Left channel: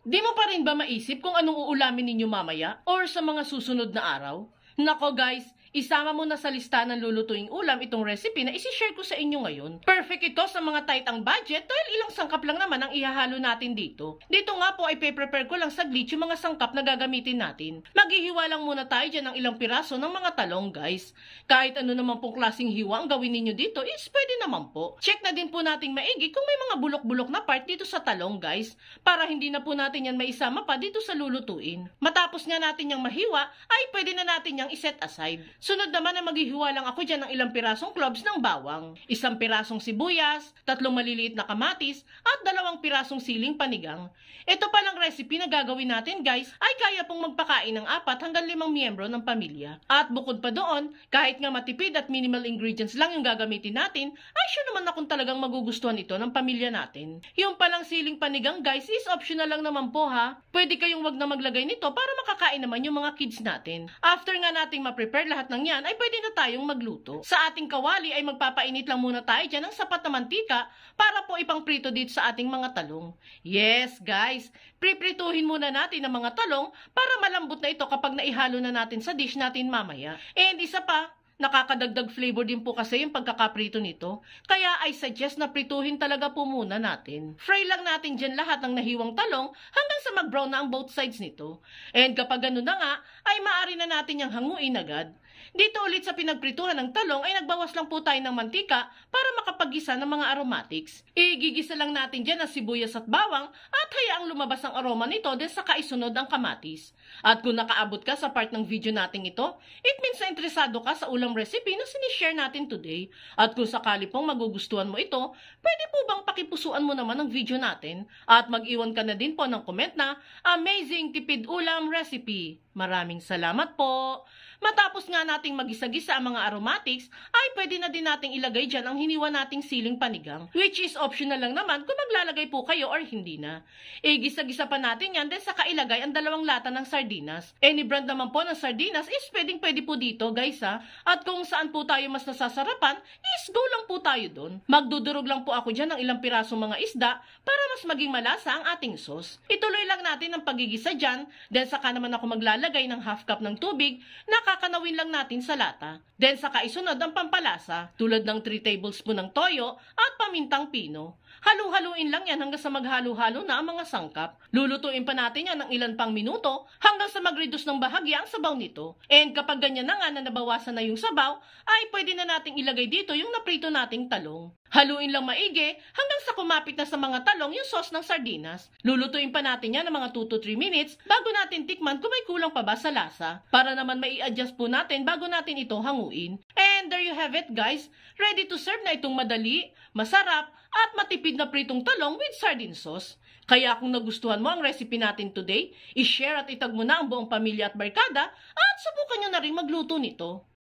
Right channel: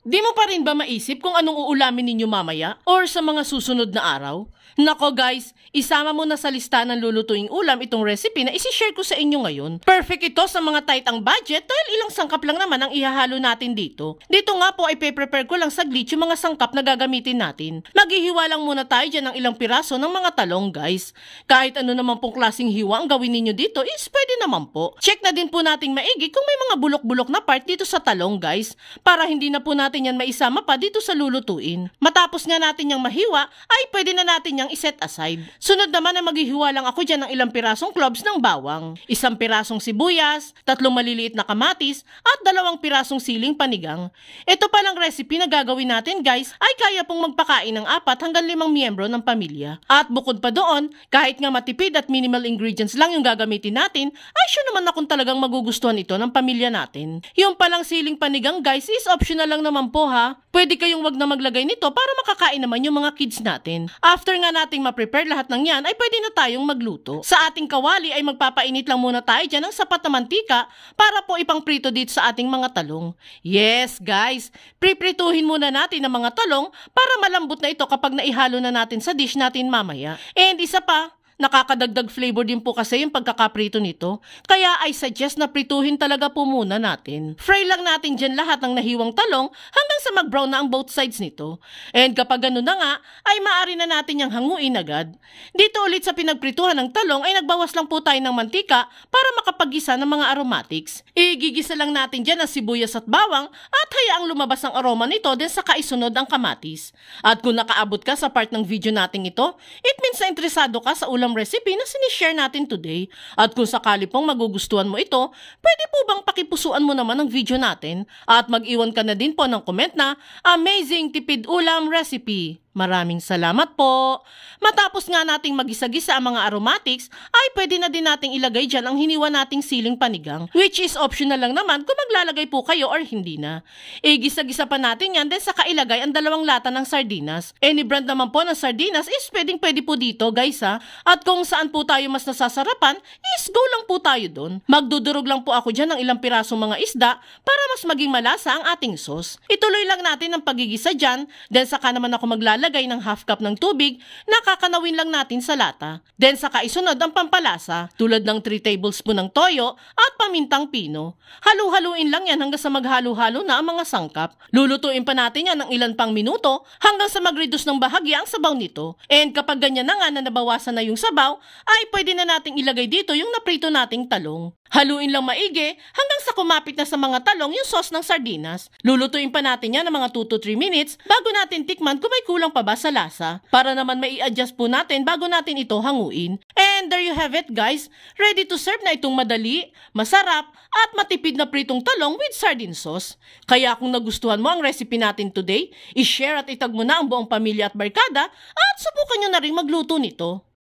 Di mo pa rin ba maisip kung anong uulamin ninyo mamaya or sa mga susunod na araw? Nako guys, isama mo na sa lista ng lulutuing ulam itong recipe na isi-share ko sa inyo ngayon. Perfect ito sa mga tight ang budget dahil ilang sangkap lang naman ang ihahalo natin dito. Dito nga po ay pe-prepare ko lang saglit yung mga sangkap na gagamitin natin. Maghihiwa lang muna tayo dyan ng ilang piraso ng mga talong guys. Kahit ano naman pong klaseng hiwa ang gawin ninyo dito is pwede naman po. Check na din po nating maigi kung may mga bulok-bulok na part dito sa talong guys, para hindi na po natin yan maisama pa dito sa lulutuin. Matapos nga natin yung mahiwa ay pwede na natin yung iset aside. Sunod naman na maghihiwa lang ako dyan ng ilang pirasong cloves ng bawang, isang pirasong sibuyas, 3 maliliit na kamatis, at 2 pirasong siling panigang. Ito palang recipe na gagawin natin guys ay kaya pong magpakain ng 4 hanggang 5 miyembro ng pamilya. At bukod pa doon, kahit nga matipid at minimal ingredients lang yung gagamitin natin, ay sure naman akong talagang magugustuhan ito ng pamilya natin. Yung palang siling panigang guys is optional lang naman po ha. Pwede kayong wag na maglagay nito para makakain naman yung mga kids natin. After nga nating ma-prepare lahat ng yan ay pwede na tayong magluto. Sa ating kawali ay magpapainit lang muna tayo dyan ng sapat na mantika para po ipang prito dito sa ating mga talong. Yes guys, priprituhin muna natin ang mga talong para malambot na ito kapag naihalo na natin sa dish natin mamaya. And isa pa, nakakadagdag flavor din po kasi yung pagkakaprito nito. Kaya I suggest na prituhin talaga po muna natin. Fry lang natin dyan lahat ng nahiwang talong hanggang sa mag-brown na ang both sides nito. And kapag gano'n na nga, ay maaari na natin yung hanguin agad. Dito ulit sa pinagprituhan ng talong ay nagbawas lang po tayo ng mantika para makapagisa ng mga aromatics. Igigisa lang natin dyan ang sibuyas at bawang at hayaang lumabas ang aroma nito din sa kaisunod ang kamatis. At kung nakaabot ka sa part ng video nating ito, it means na interesado ka sa ulam recipe na sinishare natin today. At kung sakali pong magugustuhan mo ito, pwede po bang pakipusuan mo naman ang video natin at mag-iwan ka na din po ng comment na amazing tipid ulam recipe. Maraming salamat po. Matapos nga nating magisa-gisa ang mga aromatics, ay pwede na din nating ilagay dyan ang hiniwa nating siling panigang, which is optional lang naman kung maglalagay po kayo or hindi na. Igisa-gisa pa natin yan din sa kailagay ang 2 lata ng sardinas. Any brand naman po ng sardinas is pwede po dito guys ha. At kung saan po tayo mas nasasarapan, is go lang po tayo doon. Magdudurog lang po ako dyan ng ilang pirasong mga isda para mas maging malasa ang ating sauce. Ituloy lang natin ang pagigisa dyan, then saka naman ako maglalagay ng half cup ng tubig na kakanawin lang natin sa lata. Then saka isunod ang pampalasa tulad ng 3 tablespoon ng toyo at pamintang pino. Halu-haluin lang yan hanggang sa maghalo-halo na ang mga sangkap. Lulutuin pa natin yan ng ilan pang minuto hanggang sa mag-reduce ng bahagya ang sabaw nito. And kapag ganyan na nga na nabawasan na yung sabaw, ay pwede na nating ilagay dito yung naprito nating talong. Haluin lang maigi hanggang sa kumapit na sa mga talong yung sauce ng sardinas. Lulutuin pa natin yan ng mga 2 to 3 minutes bago natin tikman kung may kulang pa ba sa lasa. Para naman may i-adjust po natin bago natin ito hanguin. And there you have it guys. Ready to serve na itong madali, masarap, at matipid na pritong talong with sardine sauce. Kaya kung nagustuhan mo ang recipe natin today, i-share at itag mo na ang buong pamilya at barkada at subukan nyo na rin magluto nito.